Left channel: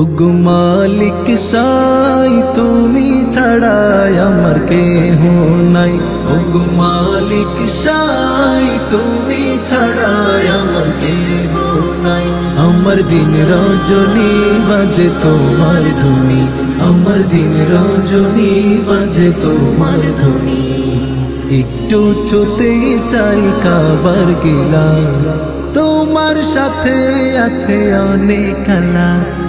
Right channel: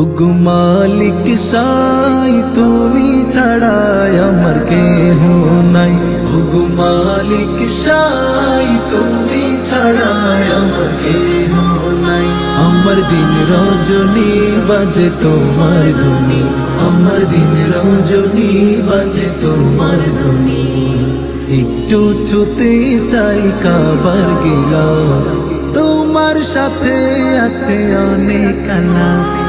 ওগো মালিক সাই, তুমি ছাড়াই আমার কেহ নাই। ওগো মালিক সাই, তুমি ছাড়াই আমার কেহ নাই। আমার দিন রজনী বাজে তোমার ধুনি আমার দিন রজনী বাজে তোমার ধুনি একটু ছুতে চাই কাবার গিলাফ। তোমার সাথে আছে অনেক আলাপ।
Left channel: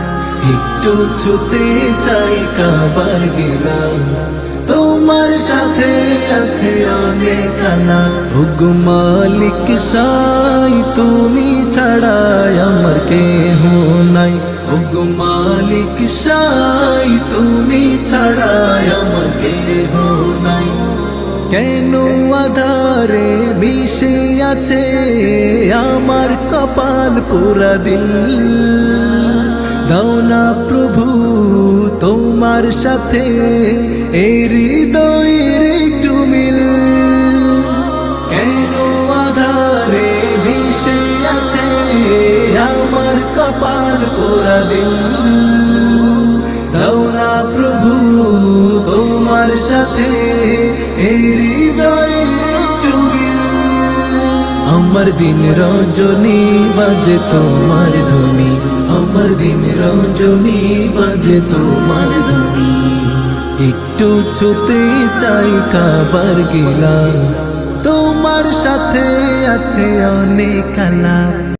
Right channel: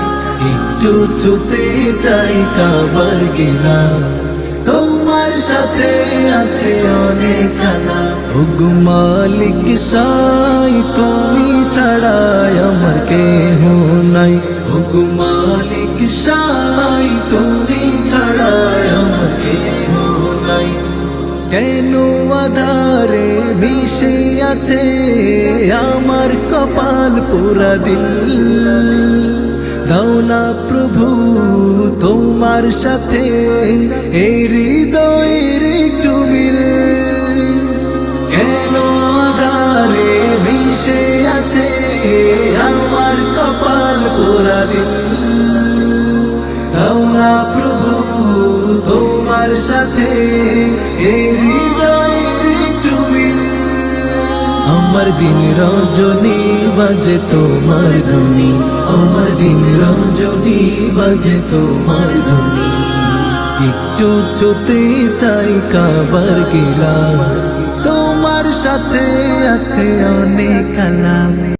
একটু ছুতে চাই কাবার গিলাফ তোমার সাথে আছে অনেক আলাপ ওগো মালিক সাই, তুমি ছাড়াই আমার কেহ নাই। ওগো মালিক সাই, তুমি ছাড়াই আমার কেহ নাই। কেন আধারে মিশে আছে আমার কপাল পুরা দিল? দাও না প্রভু, তোমার সাথে এই হৃদয়ের একটু মিল। আধারে মিশে আছে আমার কপাল পুরা দিল। দাও না প্রভু, তোমার সাথে এই আমার দিন রজনী বাজে তোমার ধ্বনি। আমার দিন রজনী বাজে তোমার ধ্বনি। একটু ছুতে চাই কাবার গেলাম তোমার সাথে আছে অনেক আলাপ।